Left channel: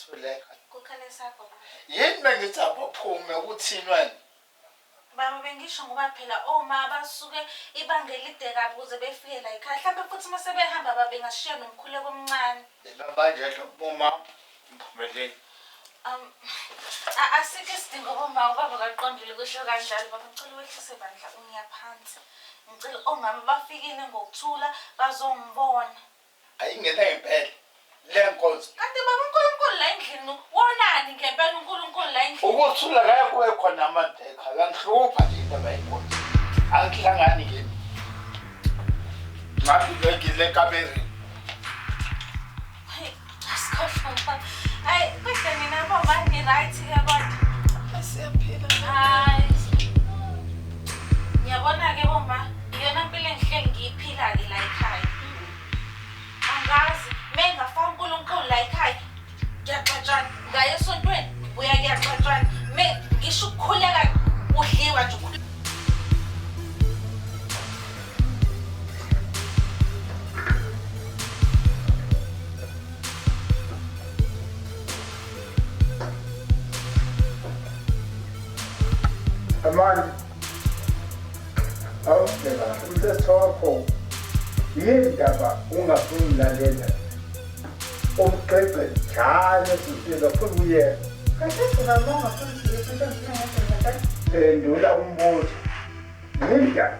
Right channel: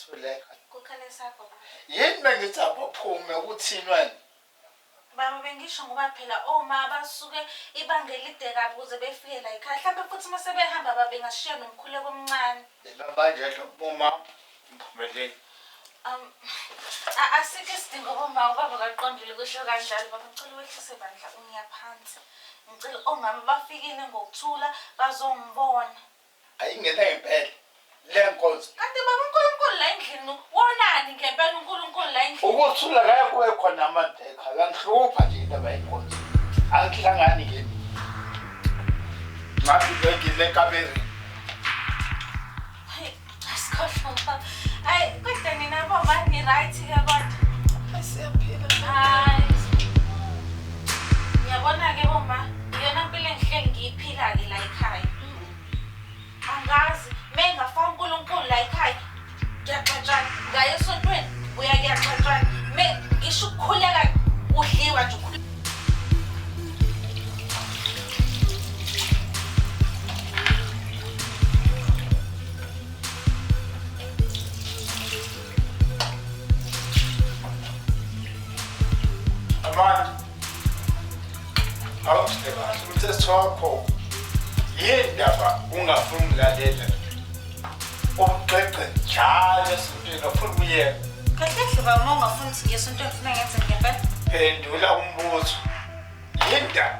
uthuleka. Kukhale sakho baba. Yini bengithi abaphume uthini wena? Baba bengisho ngoba phela oma basuke ibanga elide kabi ukuze befike la ekhaya. Mhlawumbe futhi mase behamba baba bengashiya nomkhuleko omncane. Manje uma mphumeleni. Asike isidingo bomama ubaba kaqondile kusho kanjalo baba ngicela wehlise bandla ungiyaphansi. Ngicela omama bafikile ngokuthula bazongibona. Ayingena ngempela. Lenkonzo. Kanti baba uNkulunkulu la endlini wonani ngempela uNkulunkulu la endlini. Ukuthula kaya kuwe khona amadeka. Yangihlupha nje indaba yenkonzo. Angihlangani ke. Ngathi ngizile ekameri. Asikhohlwa. Ay kodwa nina baba ni right ke kodwa. Siyaphila. Hayi. Ngiyabona ke boma iyona impilo engihleli ngiyiphila ke la ekhaya. Angazi mengafa uNkulunkulu la ekhaya. Ngiyaxatshana ngaye esontweni ngibuya kuyaxatshana. Ngisho ukukhuleka udliwa nje ukhuleka. Manje awusibeka umthetho wakho yindaba ungafuni ukulalela umxexe njalo esintweni ufuna ukuyeka Kanti baba uma ungafuni ukuthi ngiyesontweni ufuna ngenze ngempela. phendula umbuzo yindaba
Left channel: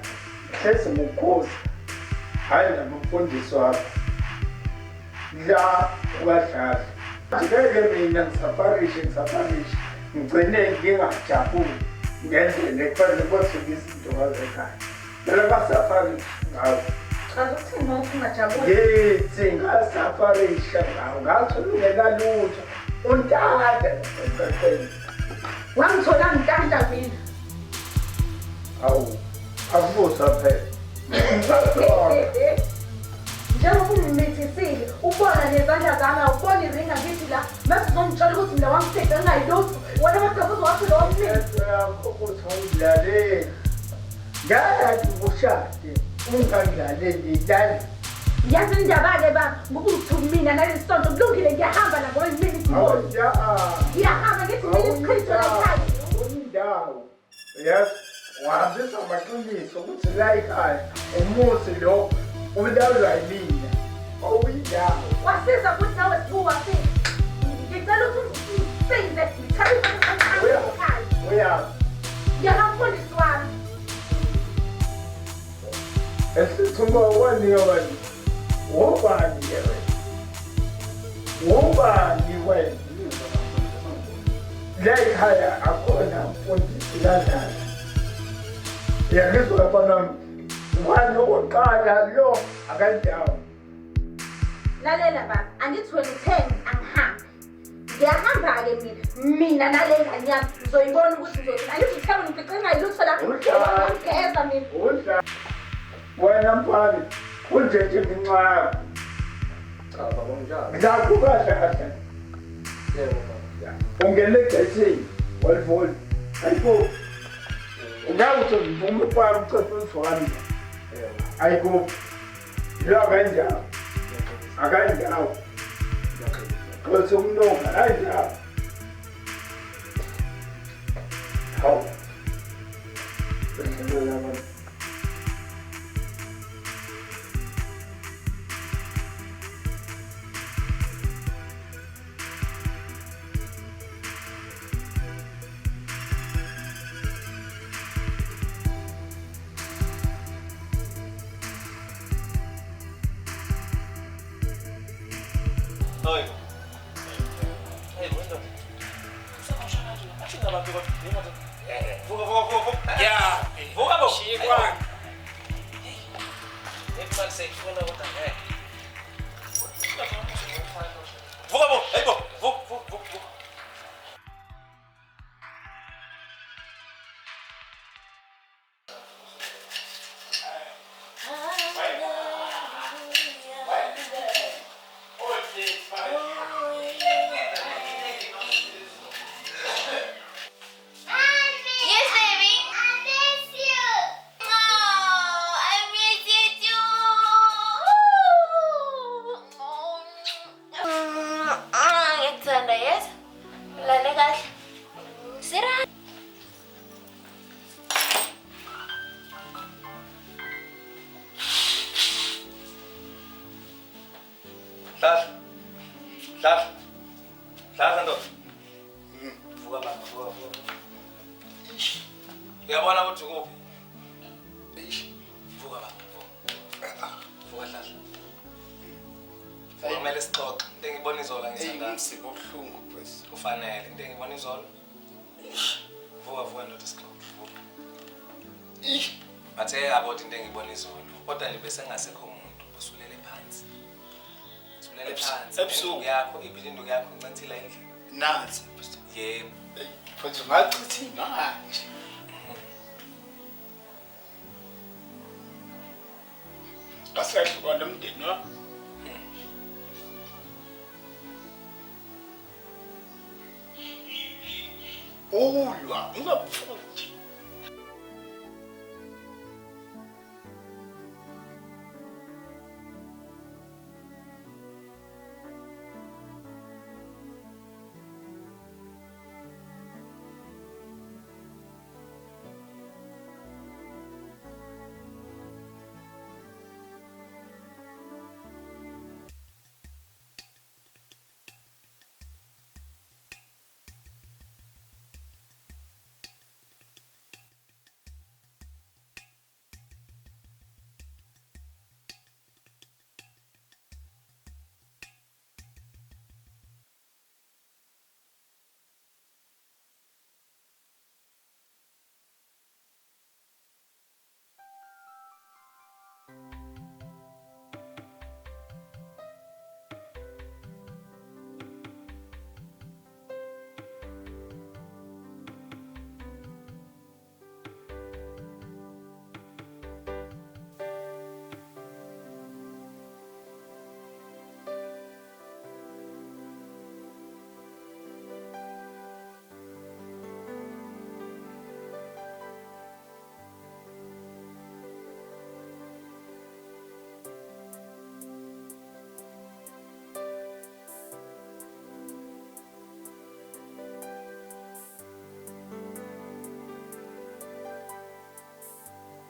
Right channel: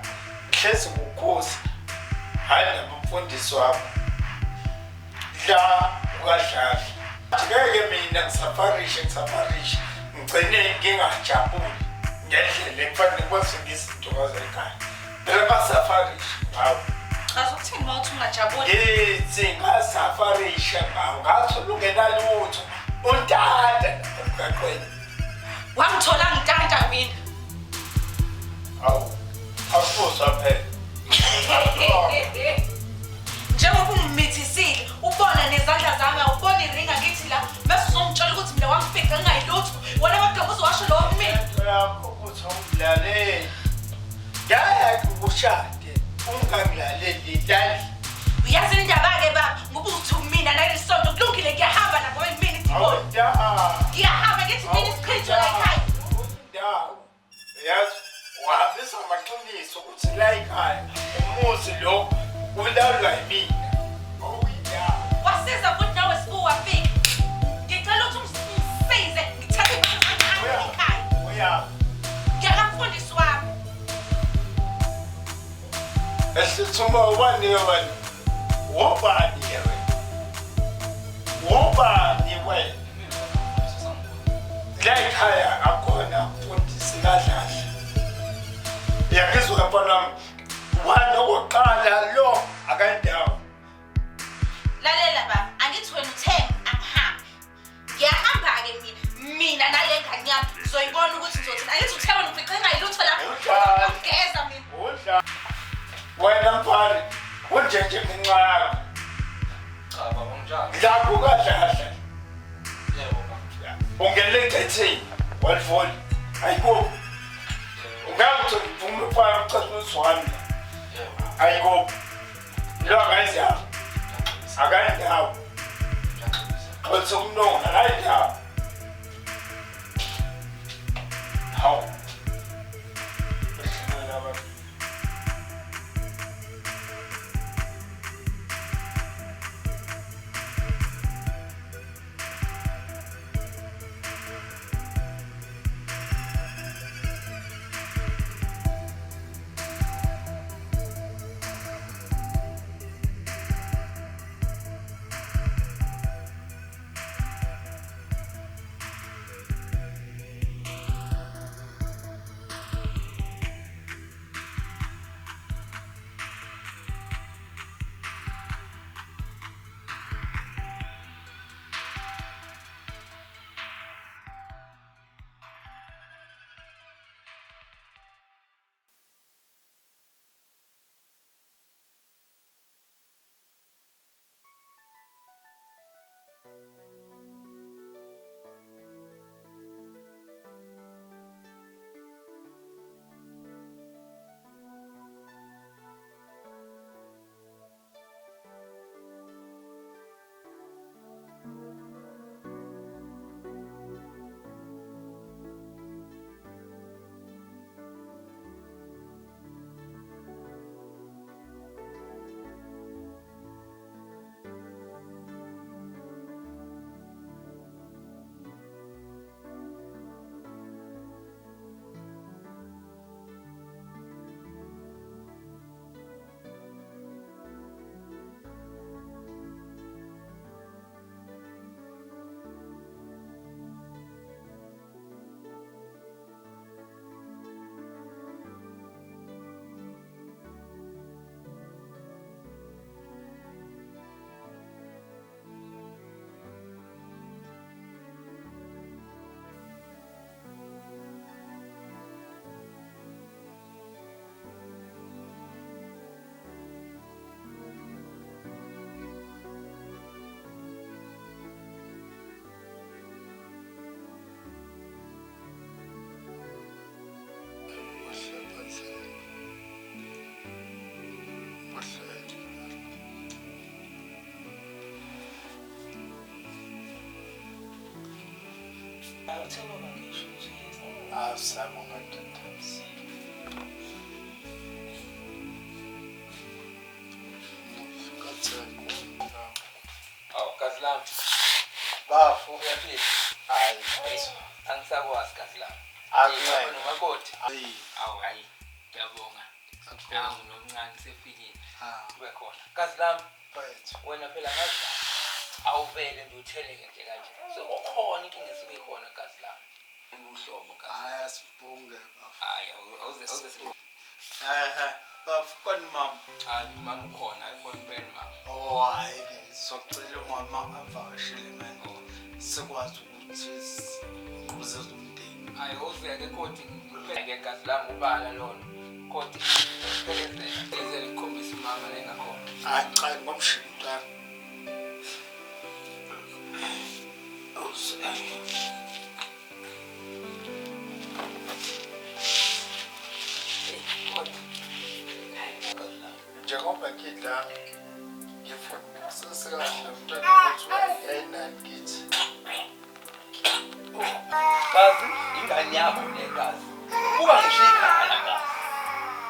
hlezi ngukhosi hayi namfundisi wakho la ukadlala ngeke mina ngisafarishe ngigcine ngingajabuli ngendlela ekufanele kwafika izinto ngazekhaya. Phela ngasafarisha ngawo. Azokuthini nokuthi ungajabuli? Yithi ngasafarisha ngawo. Ngathi ungenalutho. Untanta emgaqweni. Wangithola ngitanta mina. Awu. Akubuzwa phela. Njengoba ungimithizile, ubona nezandla zami, ubona iringa ngithi la, bese uzongitshela ukuthi mina wangifica ngayilutho. Wena kodwa uzowasho lo mina. Yakho ukuthi awudlaleli. Ngeke ushade ungangidlaleli lali. Uyazi indaba ke baba, ngoba uthi mina nalesi sonto kulungile ngiyahamba lapho yimini ngibona. Ngiyahamba ngithi mina isiqhitho la ekhaya. Indawo. Yazi wahambisa amaqiniso ukuthi la ekhaya umuzi lo ulawulwa yimina. Uyindawo. Wasiza ukuthi nawe sibuwa fika. Ngicela ukuthi umsize ngithathe imali ekhaya. Uya. Ngiyakamfundisi wami. Esithuma wani wani. Wobani yena. Wobani wena. La ekhaya akhona umfundisi kadlala. Yangizwa lapha wani oqala lo akandawo. Lalela baba, angithi wena uthenga angihambe. Ngiyahamba ke mina nale ngane yami uzoyibona ukuthi ngizothina. Angithi uthena ngifice ngayilutho la. Ngeza mina. Udla. Wena mfana, unjenje ngincaka. Cha baba unjani? La kukadlala. Yebo baba. Ungele gcethini, walivoli. Ayiko. Ungathi ngivume kwa umthetho wami. Yebo. Ayiko. La kanjani? Akandawo. Xolisa umnonga hayi ndawo. Hawu. Besibona abantu. ngiyamthanda yes. Lale kahle. Sira. Hlahla ndoda. Vuka baba, vuka. Uyabona ukuthi kuphi? Vuka baba, vuka. Vuka hlahla. Kumele sixoxe. Into engibona izola ngithanda. Umsibo obuhlungu mfethu. Kufanele into engibona izola. Vuka ndoda sixoxe. Bathe about into engibona izola. Kodwa nje bese ngasekho umuntu usulele phansi. Usulele phansi. Ebusuku yakho, ibhilindu yakho ncathila endlini. Nansi. Yebo. Mfethu ngachithi manje. Asihluka nomndeni wa. Ulwa ungafuthi. Asamo ngathatha. Kazi lami. Bafu Uyaphila? hayi. Angisakwazi kazi lami. Akuyi. Nomakoti. Hayi. Awu hayi. Ngiyabonga. Nangu nomncane sefikile. Kube khona. Kazi lami, Mfethu. wena phela ngazi awuvele nje utheleke nje kanje. Sekukhona inkinga esibe khona kazi lami. Ubuhlobo kazi. Hayi asibunge bafu. Hayi awuze Bafu kon mama. hayi mama ukhona ayifoni ben mama. Oh hayi ke socela umama avakashile manje. Sikwazi ukuthi uze umndeni. Hayi uzeke kodwa ngeke kazi lami ubala lona. Kodwa ngeke ikhombisa mama la engakhona. Hayi cha ngomshinqa. Njengoba ngidla ngifuna sesikahle mntwana ukuthi yena ngithi Kazi ingane yakho negazi. Kuba ngisho ikhaya kazi.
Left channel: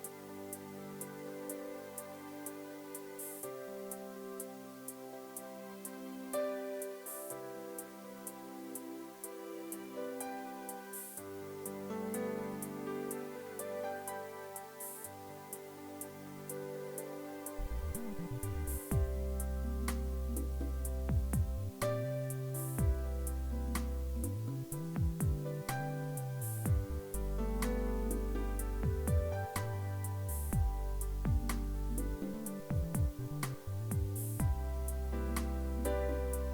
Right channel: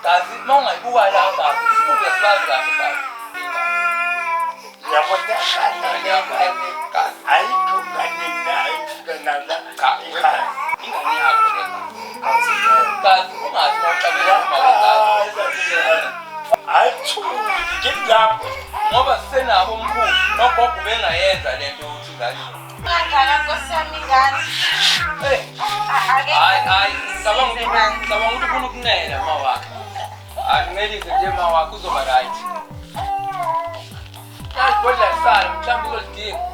Kazi mawungayibuka la kazi, sibuke sibazi kahle kazi. yabona Ingane yakho negazi. ayikho ngane nayo ifika nala ekhaya. Ingane yakho negazi. Kazi ungathi waqabela kazi. Ayithuli ngilapho Ngoba sisenabo umkhulu nogogo bengayenza lento ukuthi kahle. Ngangala Nkosi yami ingane. Hey, Ake. hayi ngicabanga ukuthi ufuna ukunela mawakhe. Akunelise nje mawakhe uzoba right. Kazi kodwa sala mhlawumbe uzolidinga.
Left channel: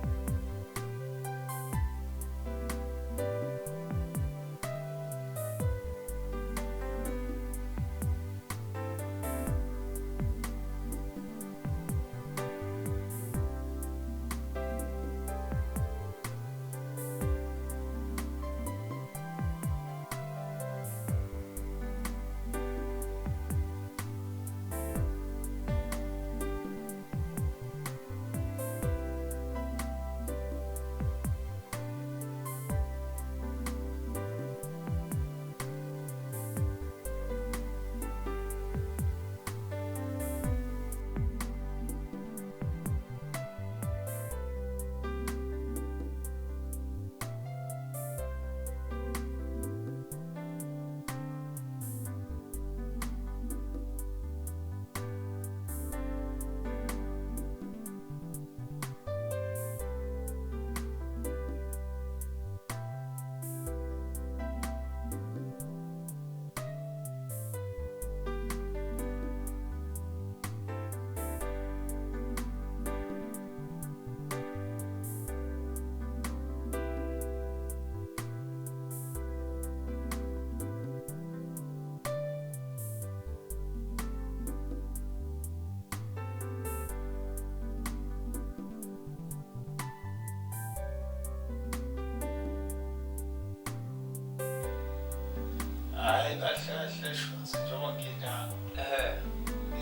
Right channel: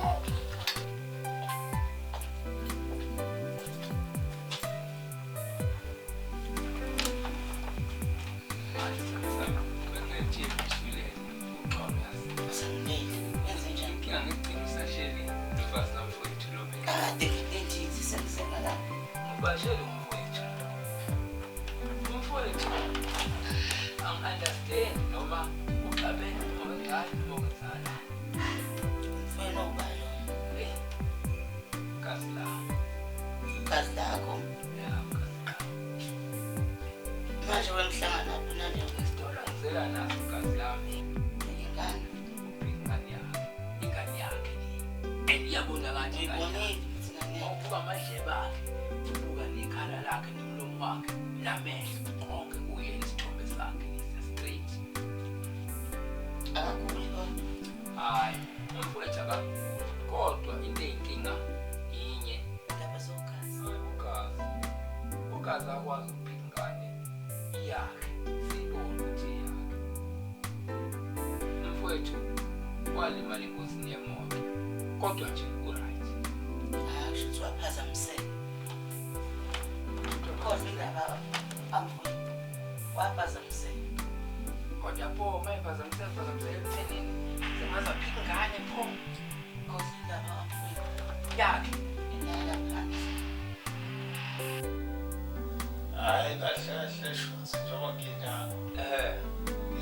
hayi kahle shonsi njengoba ngidla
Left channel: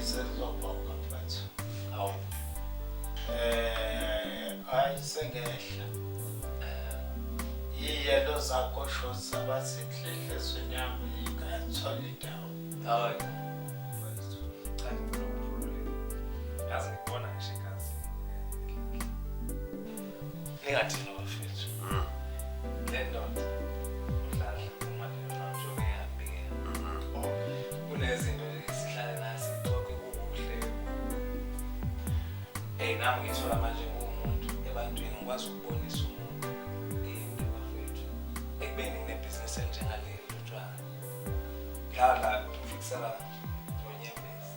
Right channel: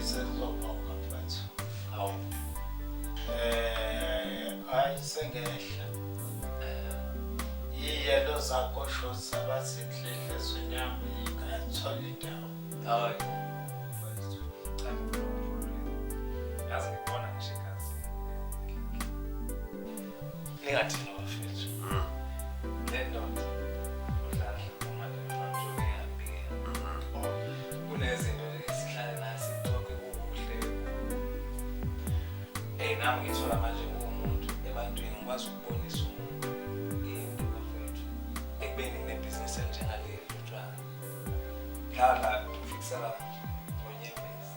isezobhoka mfethu. Hayi sengehla iy'yelo zakho shoza bazinhle enhlizweni yami ingathola indawo. Hayi. Cha ngikukhululile. Yazi ngibona ngisho igazi. Ningathini bafethu. Le ndoda udlala uma nje ngihambi. Kunezinto esihlale nazo sixoxe kuhle. Nami ngithola manje ngumuntu ebantwini ngikwazi ukubonisa umuntu into bafethu. Ekubeni nginebhizinisi enjengaleli utshwala. Dlala ufiksela ngonyembezi.